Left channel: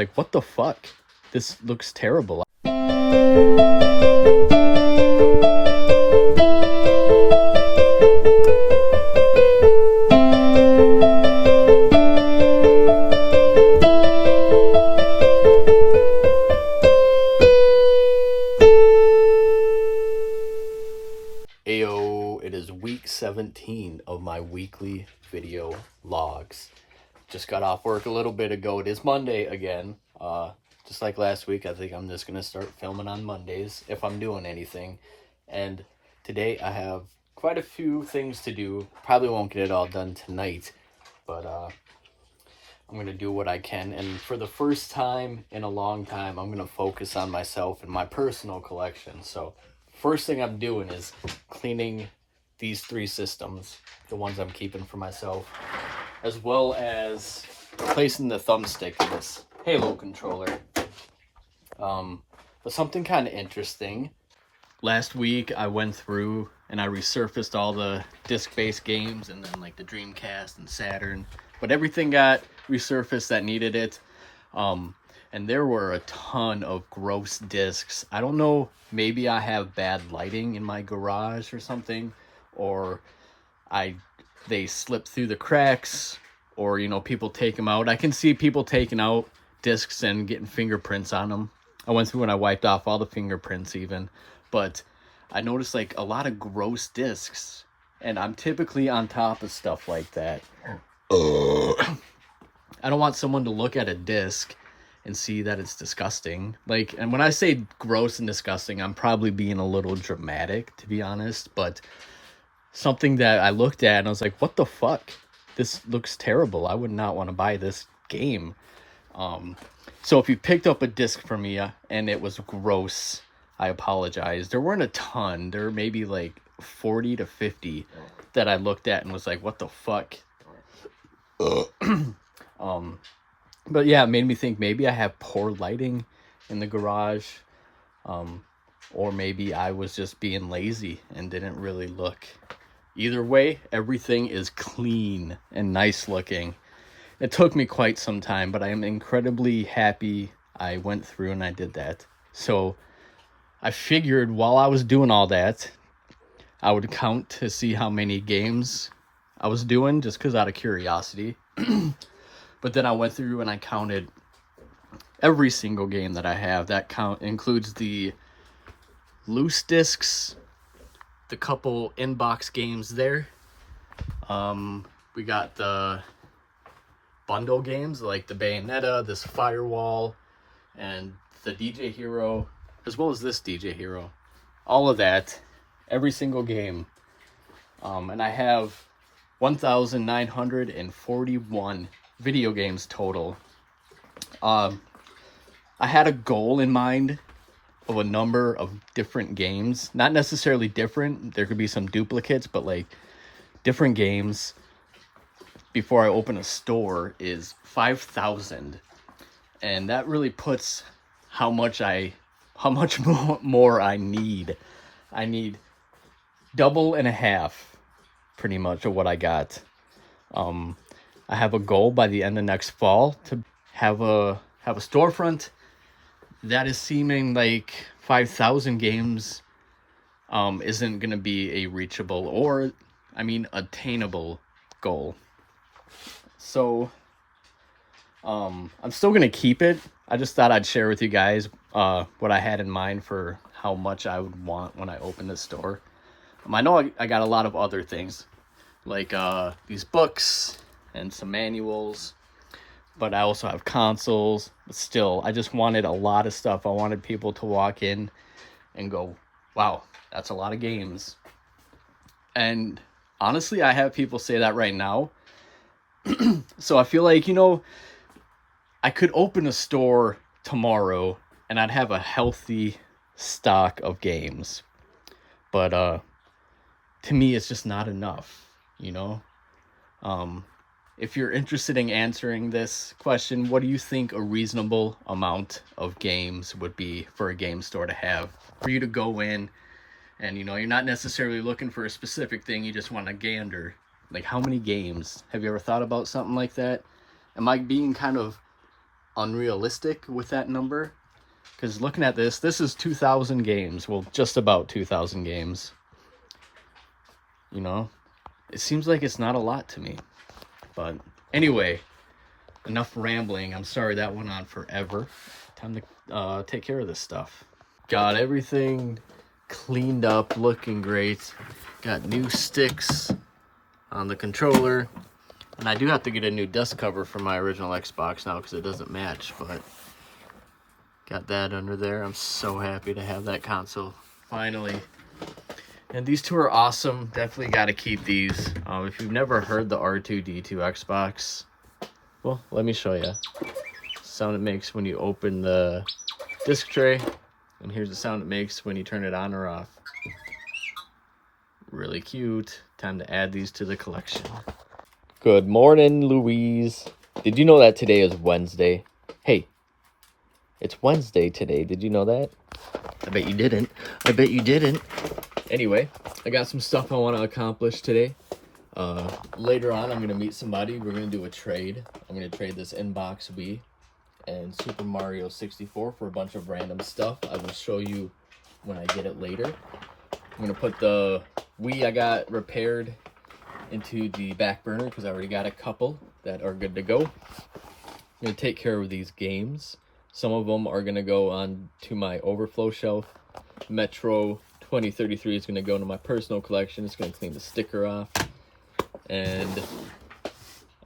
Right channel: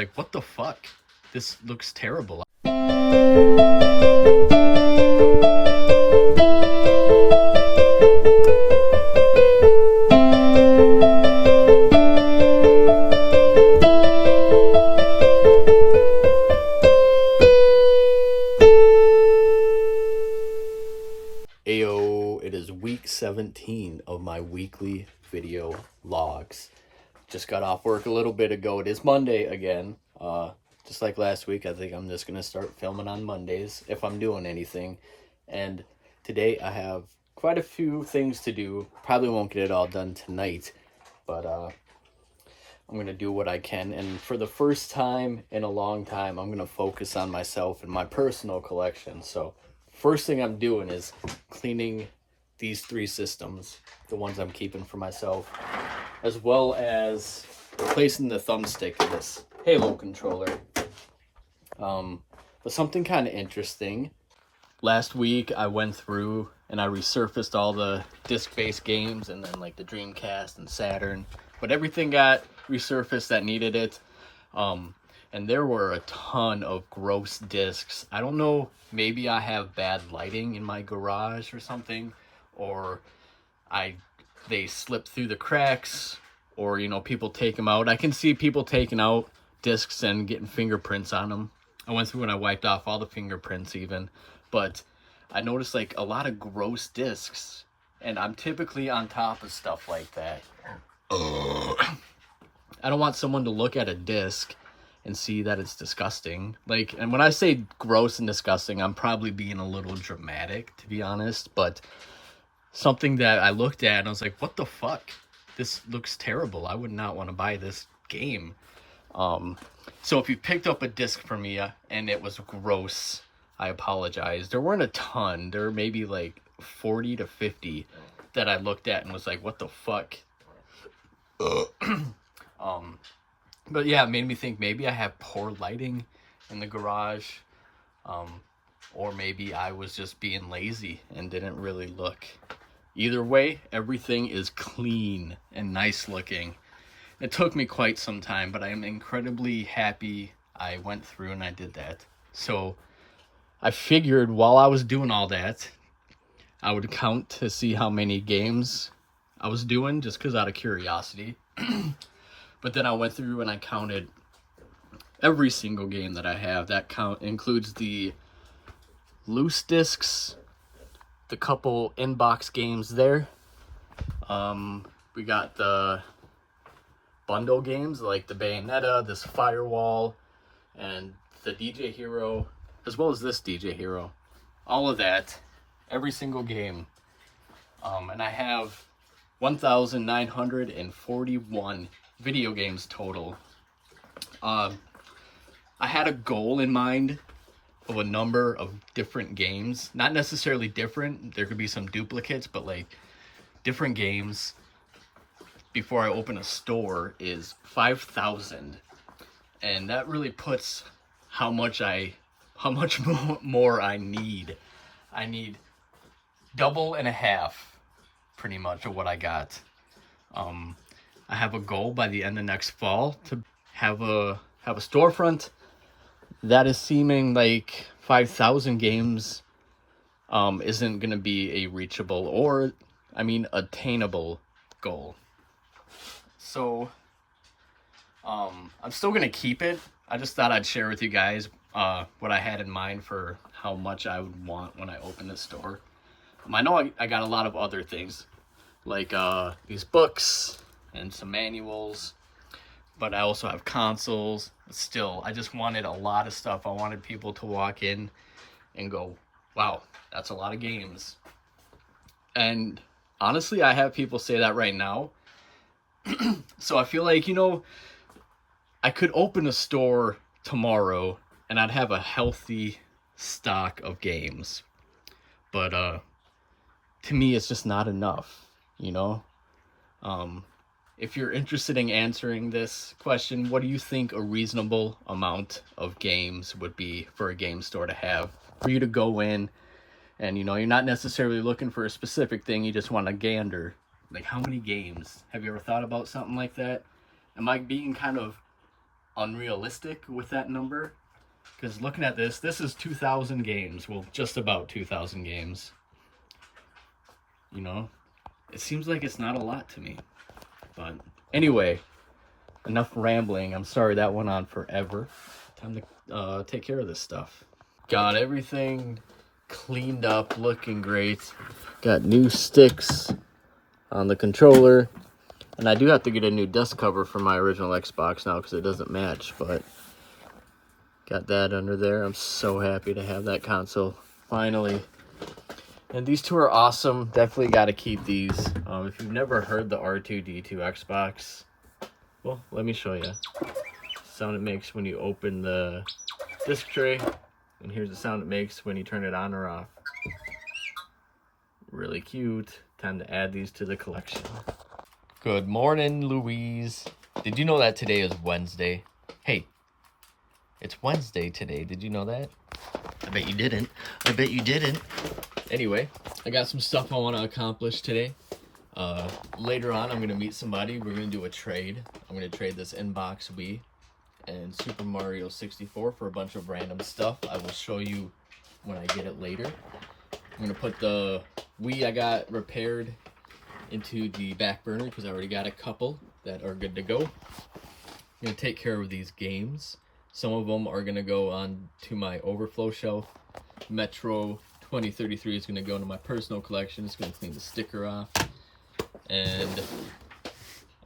Like, what the fuck? This looks terrible. Ayo, it is week 17 of my weekly video logs. Just got off work a little bit ago. It is Monday again. Just like last week, I think I'm just going to start filming on Mondays if I'm doing anything. And today I have quite a few things to do. Probably won't get it all done tonight, but I'm going to do what I can. And for the first time in a long time, I'm going to focus on myself and my personal collection. So first thing I'm doing is cleaning these 3 systems, the ones I'm keeping for myself, as well as replacing the thumbstick in this Halo controller. But something kind of interesting. Last week I went through and I resurfaced all the disc-based games and then like the Dreamcast and Saturn, but everything got resurfaced that needed it. And there were a ton of gross discs. I don't know, maybe I have bad lighting in my garage or something, or they slip through the cracks, or people take them out. I can see people taking out discs and getting fingerprints on them. I went through and I wiped off all the fingerprints even, but I noticed like a lot of gross discs, and I'm typically on top of stuff like that. I don't want someone to look at a disc and see that it's disgusting. Like, and when I say gross and disgusting, I'm probably being a little dramatic, to be honest, but something that I looked at and I was like, what the fuck? This looks terrible. I would not want to buy this game. So if you picked up a disc from me and it was gross, I apologize. There weren't a ton. There were maybe like 40 to 50 that I looked at and was like, what the fuck? But yeah, it made me think maybe I have poor lighting in the garage. Or maybe I was just being lazy and didn't really look. Either way, everything is clean and nice looking. It took me quite some time, but I am incredibly happy I went through and I did that. So I figured while I was doing all that, I would count to see how many games I was doing, just because out of curiosity. But then I went through and I counted every single game that I have. That count includes the loose discs, the couple inbox games there. We got the bundle games like the Bayonetta, this Firewall, and the DJ Hero, as well as this DJ Hero. All of that, every single game. And I have 1,941 video games total. I had a goal in mind of a number of different games, not necessarily different, there could be some duplicates, but like different games before I open a store is 5,000, and that really puts how much more I need. I need double and a half pretty much of what I got. I have a goal by the end of next fall to have a storefront that is seeming like 5,000 games isn't going to be a reachable or, attainable goal. So, I'm still going to keep it. I just thought I'd share with you guys what I had in mind for how much I would want when I open the store. I know I got a lot of other things, like these books and some manuals, but I also have consoles. But still, I just wanted a lot of stuff. I wanted people to walk in and go, wow, that's a lot of games. And honestly, I have people say that right now. So I feel like, I could open a store tomorrow and I'd have a healthy stock of games. But to me, it's just not enough, If you're interested in answering this question, what do you think a reasonable amount of games would be for a game store to have? For you to go in and, you're not necessarily looking for a specific thing, you just want to gander. Like, how many games? Have you ever thought about something like that? Am I being kind of unrealistic with that number. Because looking at this is 2,000 games. Well, just about 2,000 games. You know, it seems like it's not a lot to me. But anyway, enough rambling. I'm sorry that went on forever. Time to take care of this stuff. Got everything cleaned up, looking great. Got new sticks on the controller. And I do have to get a new dust cover for my original Xbox now because it doesn't match, but got that under there. I'm so happy to have that console finally. And these two are awesome. Definitely got to keep these. If you've never heard the R2-D2 Xbox, well, let me show you. Sound it makes when you open the disc tray, and here's the sound it makes when you turn it on or off. Really cute. Time to add these to the collection. Good morning, Louise. Did you know that today is Wednesday? Hey, it's Wednesday today. Did you know that? I bet you didn't. I bet you didn't. Anyway, I got some stuff I want to accomplish today. Later on, I'm going to meet somebody. We're going to do a trade. I'm going to trade this Inbox Wii and Super Mario 64 for a bunch of random stuff. I will show you when I get it later. I'm going to put the Wii I got repaired into the back burner because I already got a couple that are good to go. I'm going to take care of these games. Some of them are going to go on to my overflow shelf. Metro 2033 is going to go into my personal collection. It's going to clean the sticker off. And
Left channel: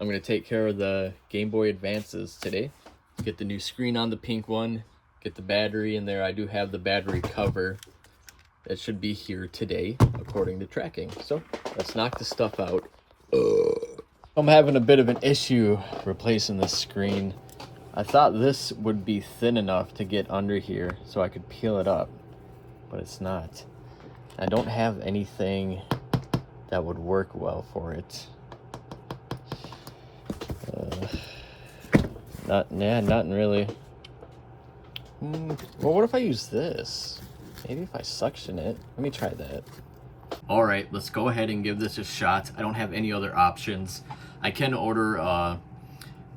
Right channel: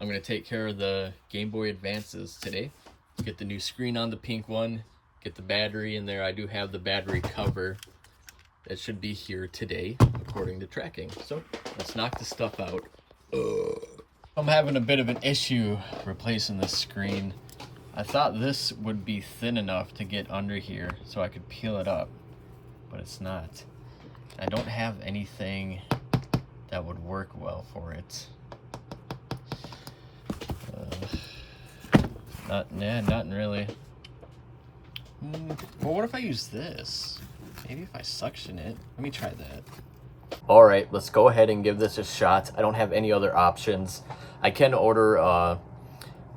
I'm going to take care of the Game Boy Advances today. Get the new screen on the pink one. Get the battery in there. I do have the battery cover. It should be here today, according to tracking. So let's knock this stuff out. I'm having a bit of an issue replacing this screen. I thought this would be thin enough to get under here so I could peel it up, but it's not. I don't have anything that would work well for it. Nothing really. Well, what if I use this? Maybe if I suction it. Let me try that. All right, let's go ahead and give this a shot. I don't have any other options. I can order a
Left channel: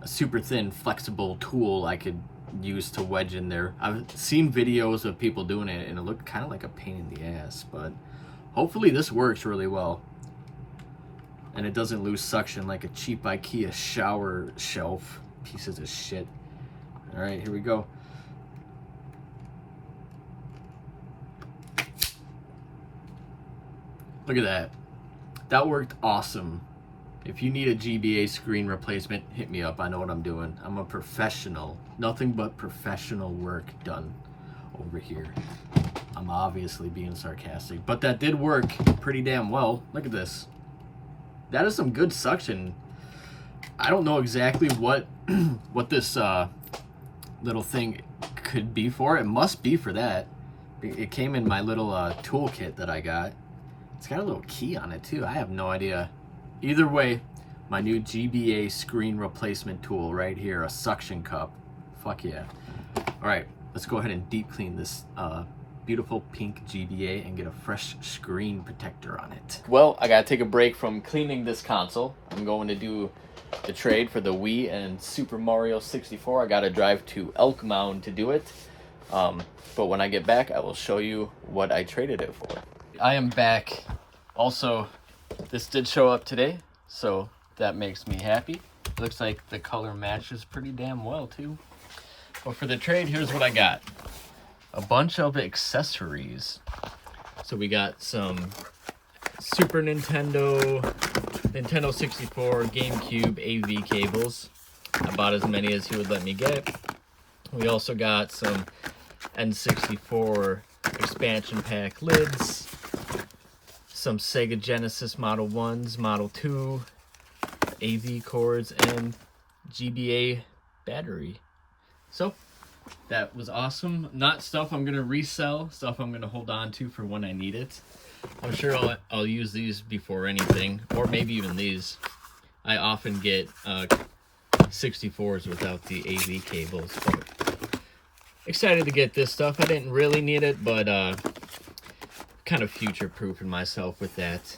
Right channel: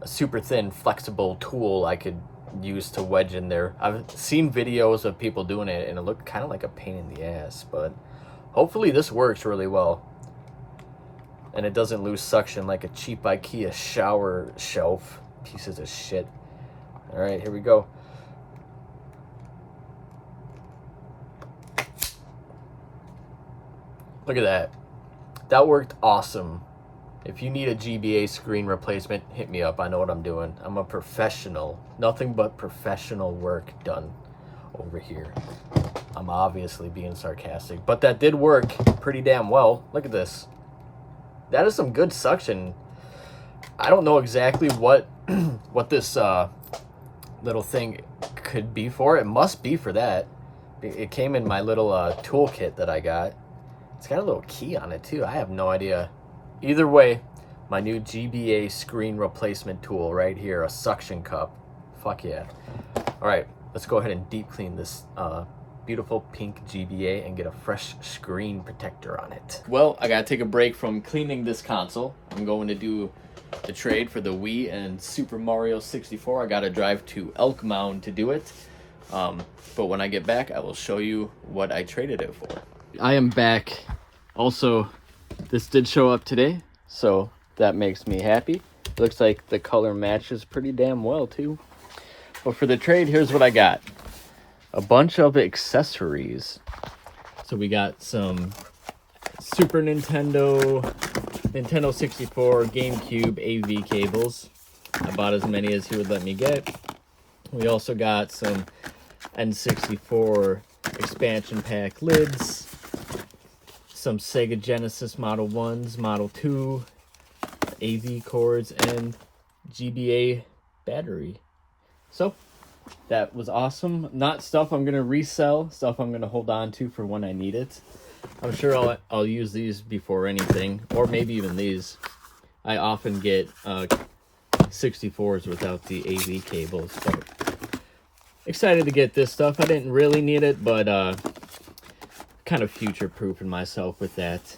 super thin, flexible tool I could use to wedge in there. I've seen videos of people doing it, and it looked kind of like a pain in the ass, but hopefully this works really well. And it doesn't lose suction like a cheap IKEA shower shelf. Pieces of shit. All right, here we go. Look at that. That worked awesome. If you need a GBA screen replacement, hit me up. I know what I'm doing. I'm a professional. Nothing but professional work done over here. I'm obviously being sarcastic, but that did work pretty damn well. Look at this. That is some good suction. I don't know exactly what this little thing could be for. It must be for that. It came in my little toolkit that I got. It's got a little key on it too. I have no idea. Either way, my new GBA screen replacement tool right here, a suction cup. Fuck yeah. All right, let's go ahead and deep clean this beautiful pink GBA and get a fresh screen protector on it. Well, I gotta take a break from cleaning this console. I'm going to do the trade for the Wii and Super Mario 64. I gotta drive to Elk Mound to do it. But when I get back, I will show you what I traded it for. I am back. Also, this did show up today, so that makes me happy. Looks like the color matches pretty damn well too. But for the trade, here's what I got. A bunch of accessories. So we got some Super Nintendo, Nintendo 64, GameCube AV cables. I bought as many as he would let me get. We also got some N64 expansion pack lids, some Sega Genesis Model 1s, Model 2, AV cords, and GBA battery. So that was awesome. Not stuff I'm gonna resell, stuff I'm gonna hold on to for when I need it. I'm sure I'll use these before anything, or maybe even these. I often get 64s without the AV cables, but excited to get this stuff. I didn't really need it, but kind of future-proofing myself with that.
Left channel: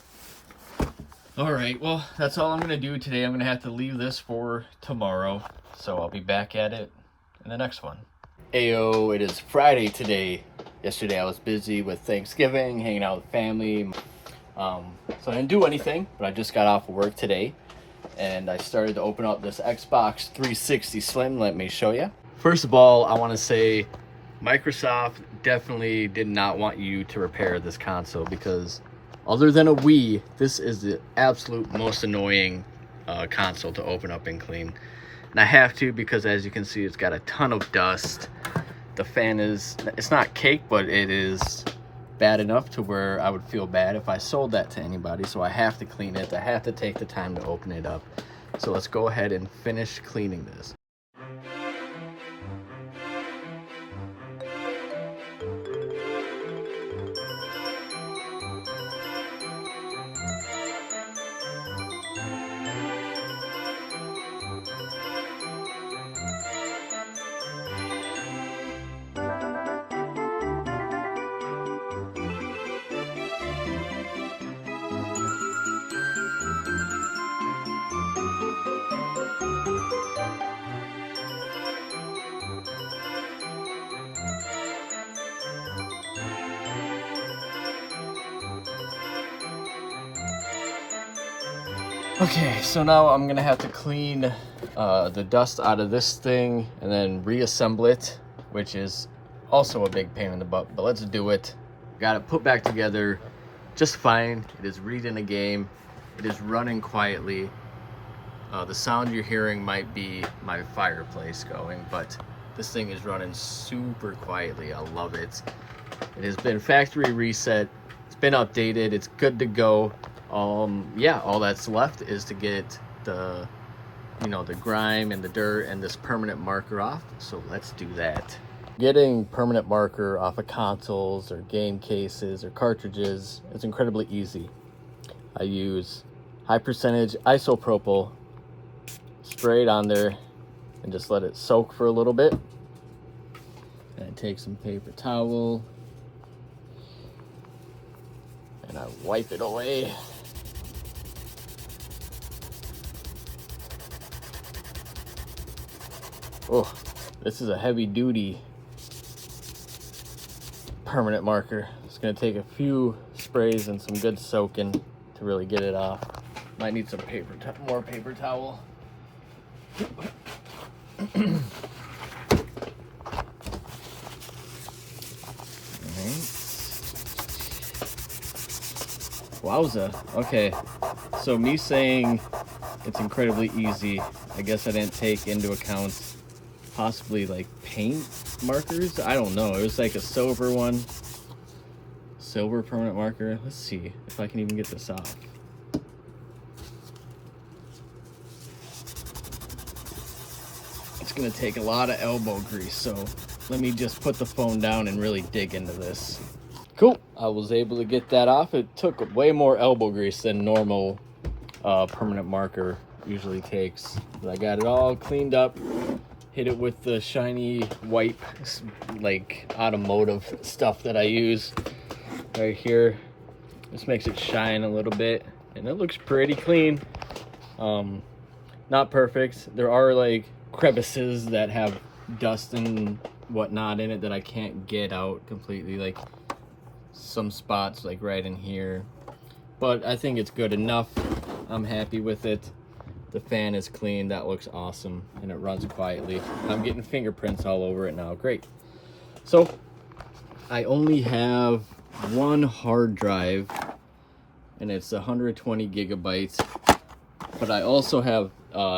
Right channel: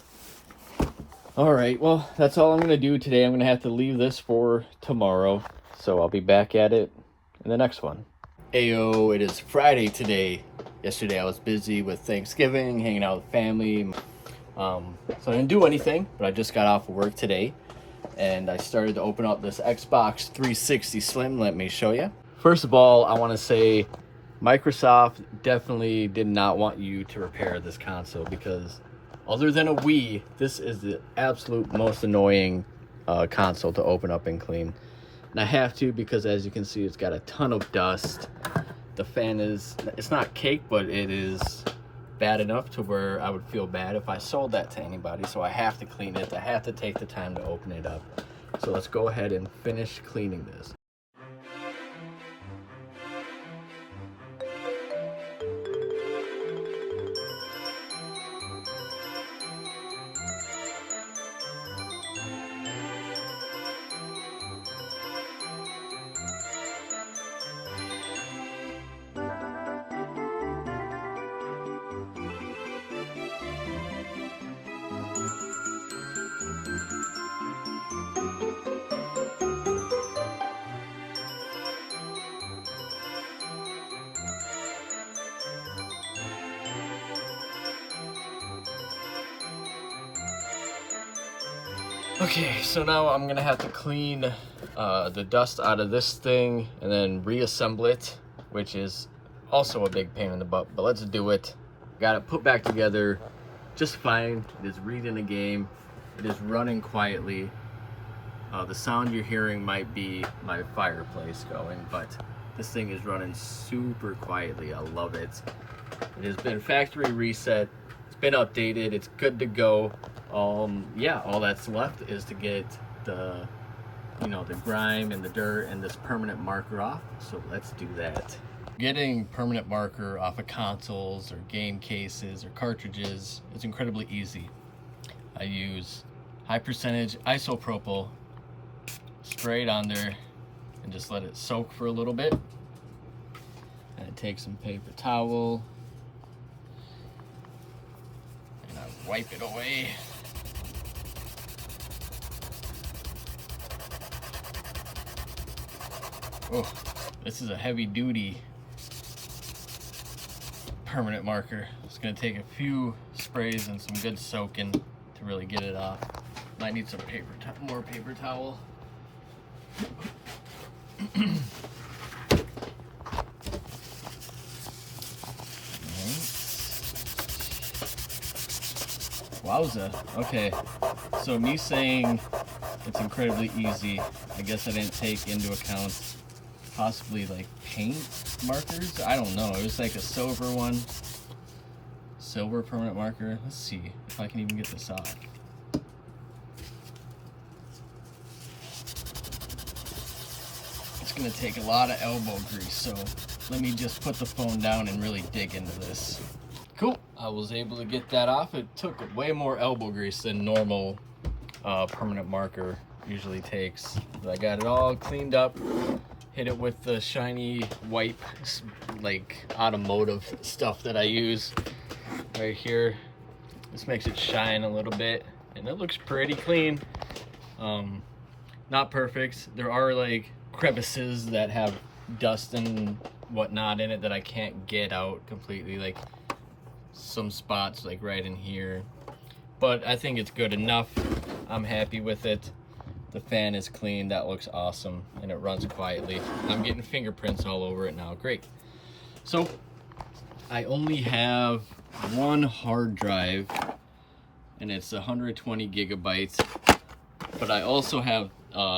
All right, well, that's all I'm gonna do today. I'm gonna have to leave this for tomorrow, so I'll be back at it in the next one. Ayo, it is Friday today. Yesterday I was busy with Thanksgiving, hanging out with family. So I didn't do anything, but I just got off of work today and I started to open up this Xbox 360 Slim. Let me show you. First of all, I want to say Microsoft definitely did not want you to repair this console, because other than a Wii, this is the absolute most annoying console to open up and clean. And I have to, because as you can see, it's got a ton of dust. The fan it's not cake, but it is bad enough to where I would feel bad if I sold that to anybody. So I have to clean it. I have to take the time to open it up. So let's go ahead and finish cleaning this. Okay, so now I'm gonna have to clean the dust out of this thing and then reassemble it, which is also a big pain in the butt, but let's do it. Got it put back together just fine. It is reading a game. It is running quietly. The sound you're hearing might be my fireplace going, but this thing is running super quietly. I love it. It has been factory reset. It's been updated. It's good to go. Yeah, all that's left is to get the grime and the dirt and this permanent marker off. So let's do that. Getting permanent marker off of consoles or game cases or cartridges is incredibly easy. I use high percentage isopropyl, spray it on there and just let it soak for a little bit. And I take some paper towel and I wipe it away. Oh, this is a heavy duty permanent marker. It's gonna take a few sprays and some good soaking to really get it off. Might need some more paper towel. Wowza. Okay, so me saying it's incredibly easy, I guess I didn't take into account possibly like paint markers. I don't know. It was like a silver one. Silver permanent marker. Let's see if I can even get this off. It's gonna take a lot of elbow grease, so let me just put the phone down and really dig into this. Cool. I was able to get that off. It took way more elbow grease than normal permanent marker usually takes. But I got it all cleaned up. Hit it with the shiny wipe, like automotive stuff that I use right here. This makes it shine a little bit and it looks pretty clean. Not perfect. There are like crevices that have dust and whatnot in it that I can't get out completely, like some spots like right in here, but I think it's good enough. I'm happy with it. The fan is clean. That looks awesome and it runs quietly. I'm getting fingerprints all over it now. Great. So I only have one hard drive and it's 120 gigabytes, but I also have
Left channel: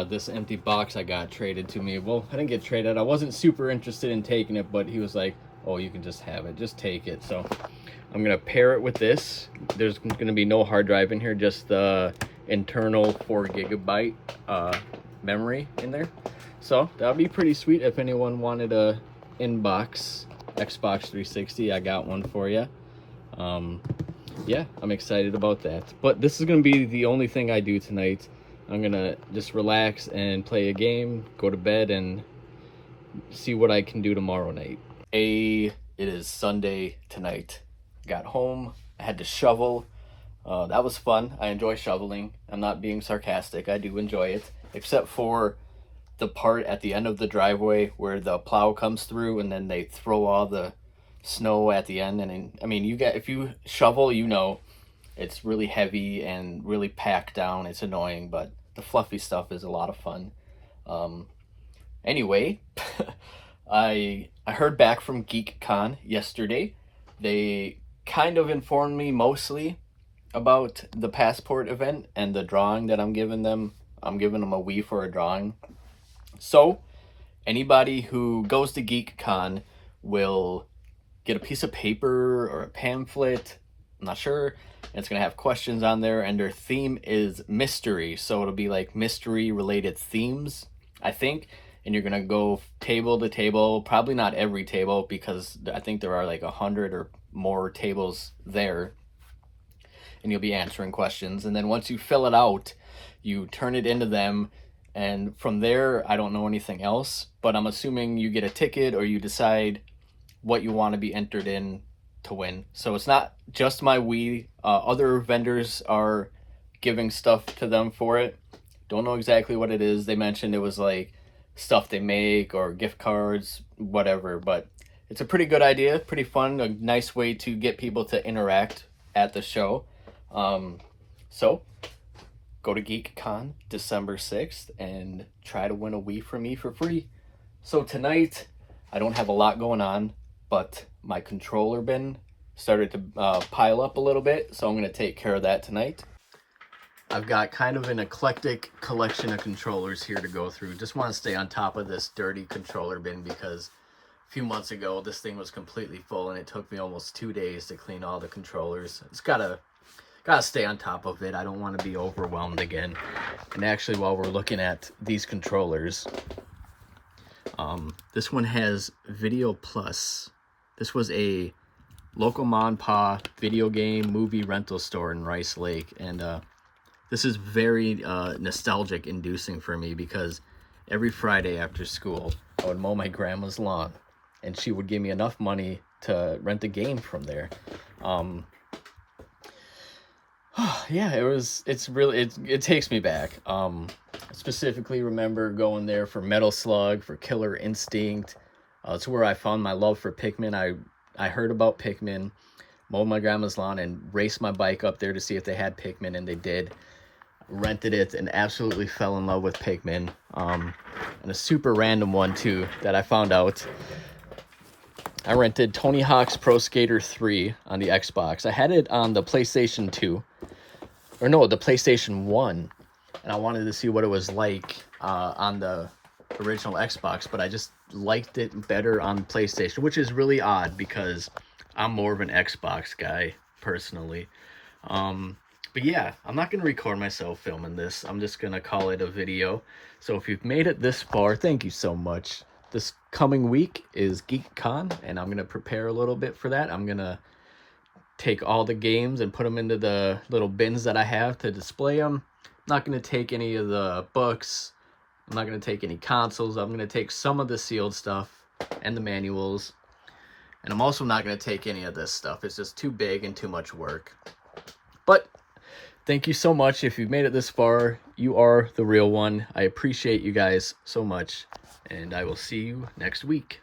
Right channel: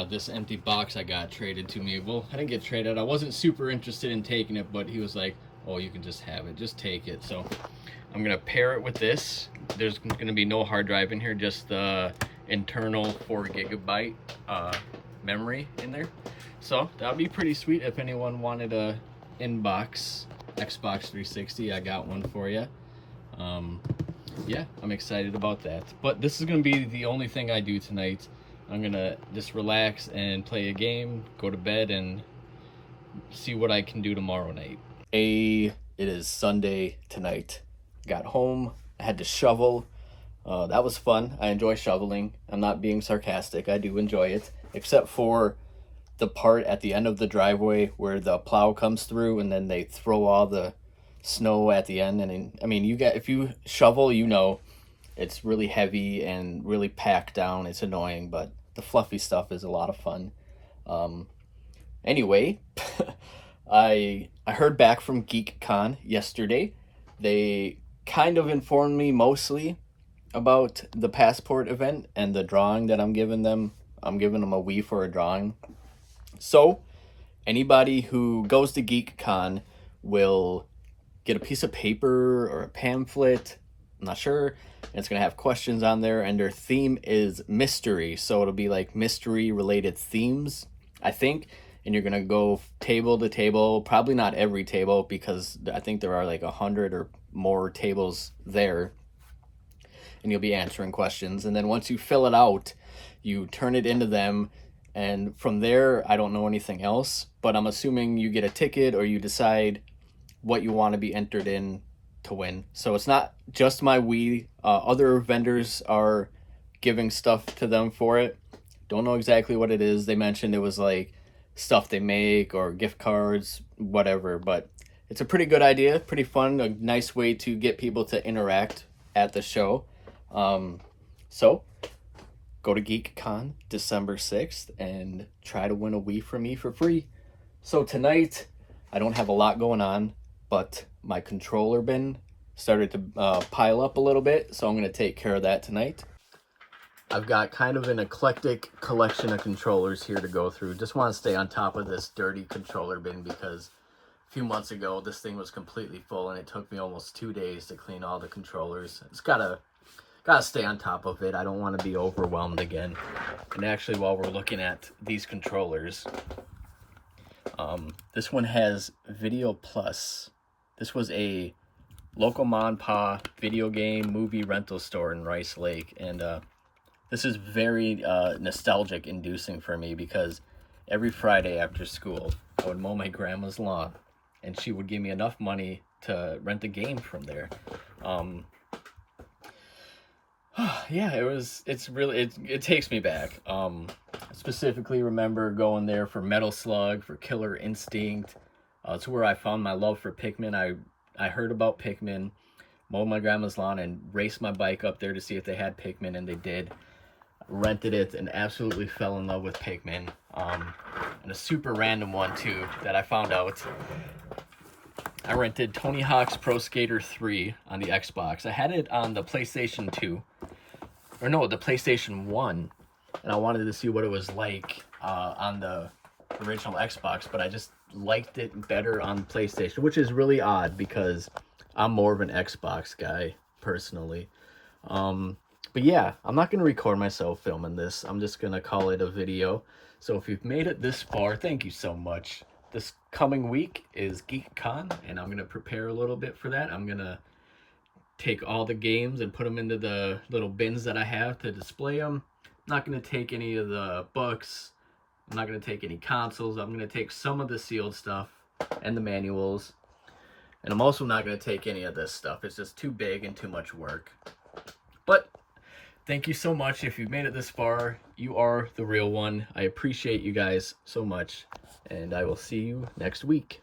this empty box I got traded to me. Well, I didn't get traded. I wasn't super interested in taking it, but he was like, oh, you can just have it, just take it. So I'm gonna pair it with this. There's gonna be no hard drive in here, just the internal 4 gigabyte memory in there. So that'll be pretty sweet. If anyone wanted a inbox Xbox 360, I got one for you. Yeah, I'm excited about that. But this is gonna be the only thing I do tonight. I'm gonna just relax and play a game, go to bed, and see what I can do tomorrow night. It is Sunday tonight. Got home, I had to shovel. That was fun. I enjoy shoveling. I'm not being sarcastic. I do enjoy it, except for the part at the end of the driveway where the plow comes through and then they throw all the snow at the end. And I mean, if you shovel, you know, it's really heavy and really packed down. It's annoying, but the fluffy stuff is a lot of fun. Anyway, I heard back from GeekCon yesterday. They kind of informed me mostly about the passport event and the drawing that I'm giving them. I'm giving them a Wii for a drawing. So anybody who goes to GeekCon will get a piece of paper or a pamphlet. I'm not sure. And it's going to have questions on there, and their theme is mystery. So it'll be like mystery related themes, I think. And you're going to go table to table, probably not every table because I think there are like 100 or more tables there. And you'll be answering questions. And then once you fill it out, you turn it into them. And from there, I don't know anything else, but I'm assuming you get a ticket or you decide what you want to be entered in to win. So it's not just my Wii. Other vendors are giving stuff to them for it. Don't know exactly what it is. They mentioned it was like stuff they make or gift cards, whatever. But it's a pretty good idea, pretty fun, a nice way to get people to interact at the show. So go to GeekCon December 6th and try to win a Wii from me for free. So tonight, I don't have a lot going on, but my controller bin started to pile up a little bit, so I'm going to take care of that tonight. I've got kind of an eclectic collection of controllers here to go through. Just want to stay on top of this dirty controller bin because a few months ago, this thing was completely full, and it took me almost 2 days to clean all the controllers. It's gotta stay on top of it. I don't want to be overwhelmed again. And actually, while we're looking at these controllers, this one has Video Plus. This was a local mom and pop video game movie rental store in Rice Lake, and this is very nostalgic inducing for me because every Friday after school I would mow my grandma's lawn and she would give me enough money to rent a game from there. Yeah, it takes me back. I specifically remember going there for Metal Slug, for Killer Instinct. It's where I found my love for Pikmin. I heard about Pikmin, mowed my grandma's lawn, and raced my bike up there to see if they had Pikmin, and they did. Rented it and absolutely fell in love with Pikmin. And a super random one too that I found out. I rented Tony Hawk's Pro Skater 3 on the Xbox. I had it on the PlayStation 2. Or no, the PlayStation 1. And I wanted to see what it was like on the original Xbox. But I just liked it better on PlayStation. Which is really odd because I'm more of an Xbox guy, personally. But yeah, I'm not going to record myself filming this. I'm just going to call it a video. So if you've made it this far, thank you so much. This coming week is GeekCon, and I'm going to prepare a little bit for that. I'm going to take all the games and put them into the little bins that I have to display them. I'm not going to take any of the books. I'm not going to take any consoles. I'm going to take some of the sealed stuff and the manuals. And I'm also not going to take any of this stuff. It's just too big and too much work. But thank you so much. If you've made it this far, you are the real one. I appreciate you guys so much. And I will see you next week.